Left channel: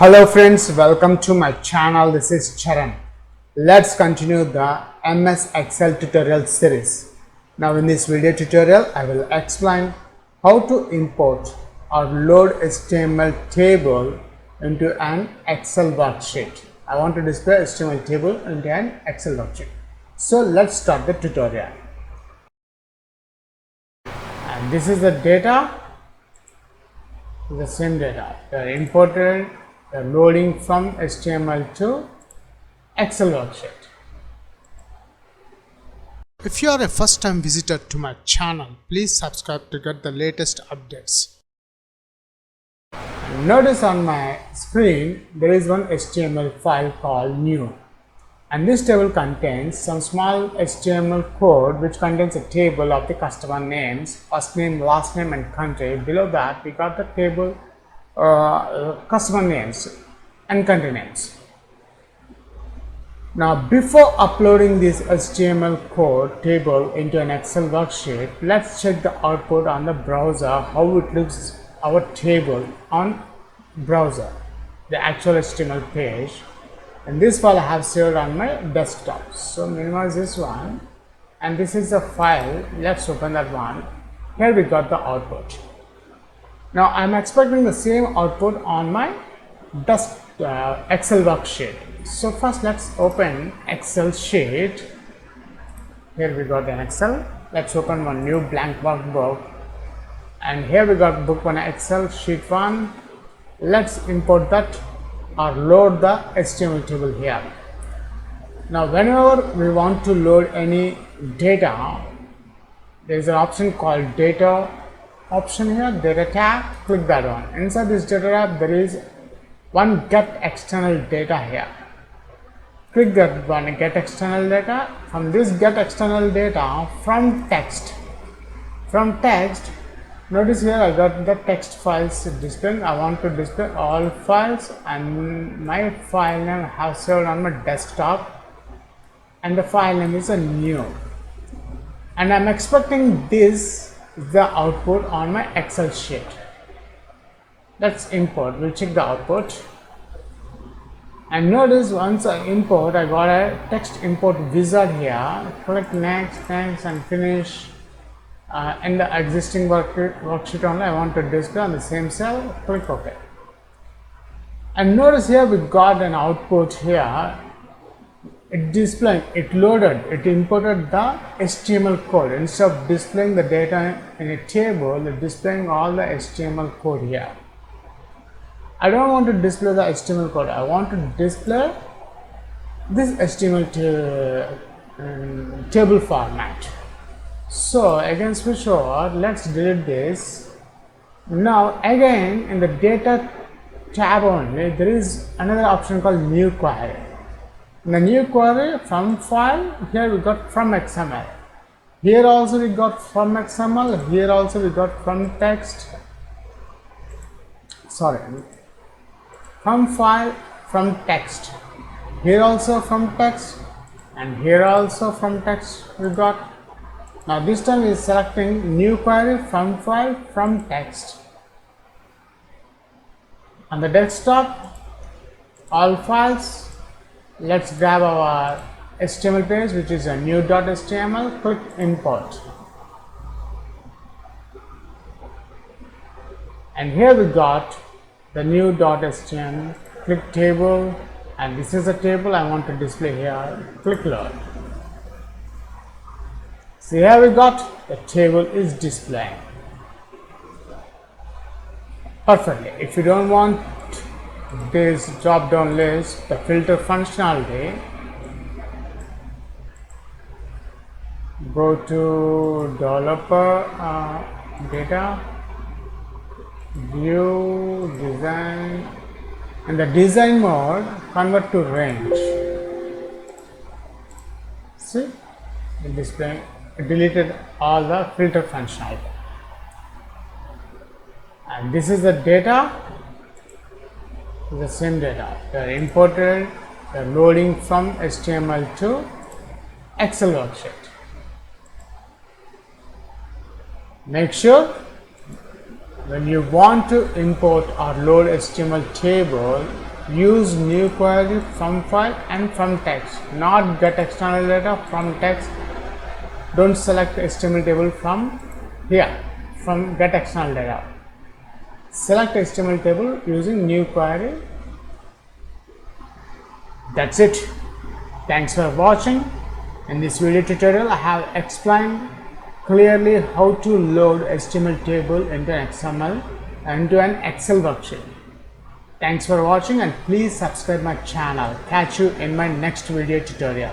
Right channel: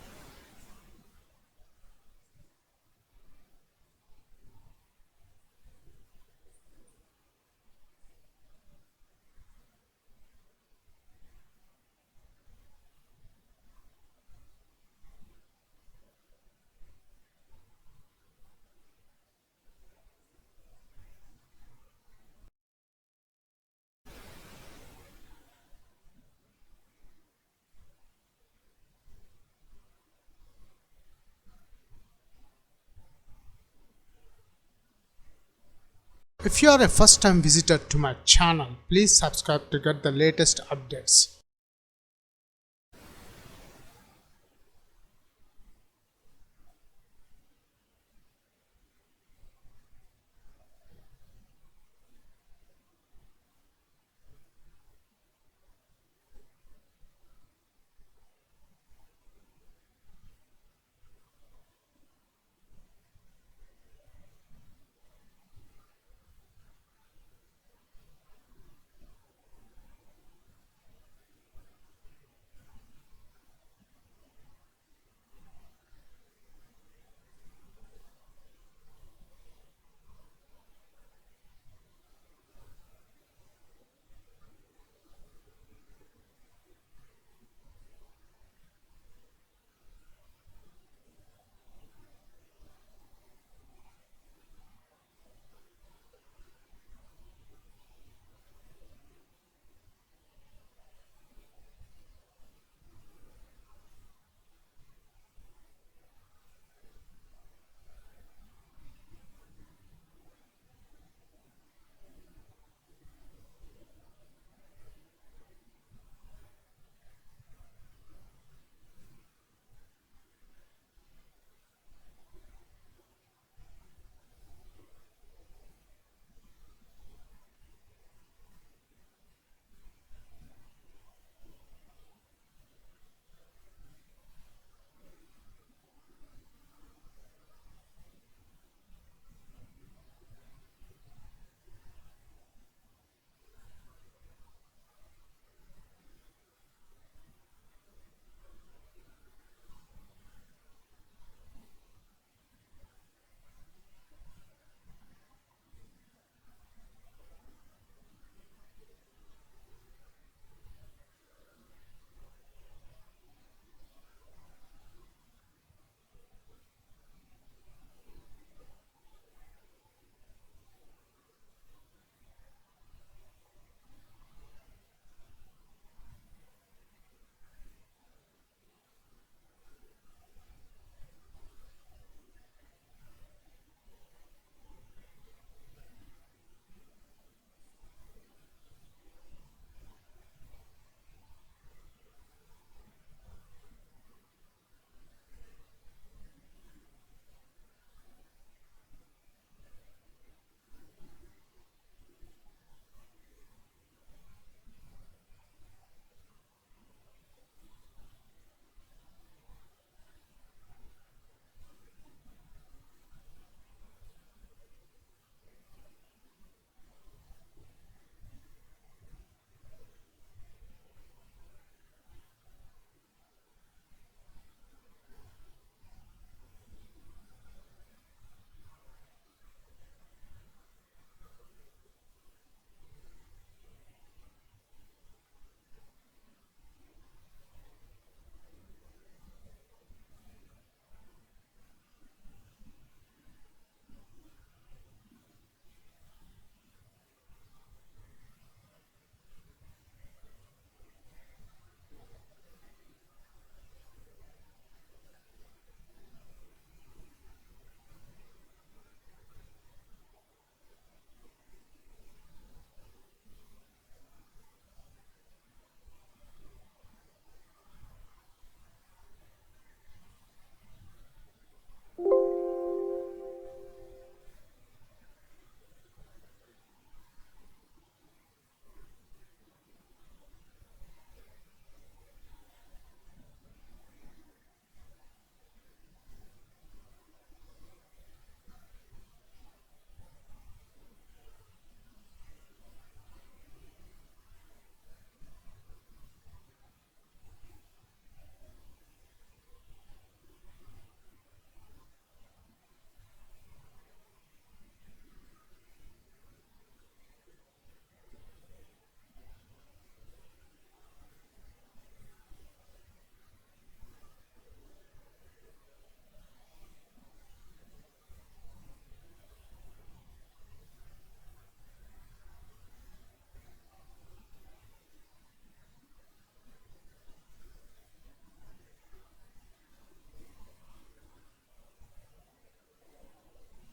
Hello friends, welcome to my channel. This is Charan. Let's continue the MS Excel tutorial series. Now in this video tutorial, I will explain how to import or load HTML table into an Excel worksheet. I want to display HTML table into an Excel worksheet. So let's start the tutorial. And this is the data, the same data. They are imported. Loading from HTML to Excel worksheet. If you are a first time visitor to my channel, please subscribe to get the latest updates. Notice on my screen there is one HTML file called new, and this table contains some small HTML code which contains a table of the customer names, first name, last name and country. Below that we got the table customer names and country names. Now before uploading this HTML code table into an Excel worksheet, let's check the output on the browser, how it looks our table on browser, the actual HTML page. And this file I have saved on my desktop. So minimize this one, and this is the file. Let's open that one. Here we got the output. Now I am expecting the same output on my Excel worksheet. So first let's open Excel sheet. Here we got an Excel. Let's open one new blank workbook, and here we got book one Excel sheet 1. Let's import that or load the HTML table here. Now whenever we want to load any data, there is an option called data option here, data tab. Click that one. Inside this data tab there is one get external data here. Click that one, get external data. From this get external data, from text, notice here I got the text files displayed. I want to display all files, and my file name I have saved on my desktop, and the file name is a new, and I'm expecting this is the output on my Excel sheet. Let's import. We'll check the output, and notice once I import, I got a text import wizard here. Click next and finish. In the existing worksheet only I want to display on the same cell. Click OK, and notice here we got an output here. It displaying, it loaded, it imported the HTML code. Instead of displaying the data in a table, it's displaying all the HTML code here. I don't want to display the HTML code. I want to display this HTML table format. So again switch over. Let's delete this. Now again in the data tab only there is another option called new query. In the new query, from file, here we got from XML. Here also we got from XML. Here also we got from text. From file, from text. Here also from text, and here also from text we got. Now this time is selecting new query, from file, from text. On the desktop, all files. Let's grab our HTML page, which is a new.html. Click import, and here we got the new.html. Click table, and this is a table I want to display here. Click load. See, here we got the table is displaying perfectly. If you don't want this drop down list, the filter functionality, go to developer, data, view, design, and the design mode convert to range. See, it displaying, it deleted all the filter functionality, and this is the data. The same data, they are imported, they are loading from HTML to Excel worksheet. Make sure when you want to import or load HTML table, use new query from file and from text, not get external data from text. Don't select HTML table from here, from get external data. Select HTML table using new query. That's it. Thanks for watching. In this video tutorial, I have explained clearly how to load HTML table into an Excel worksheet. Thanks for watching and please subscribe my channel. Catch you in my next video tutorial.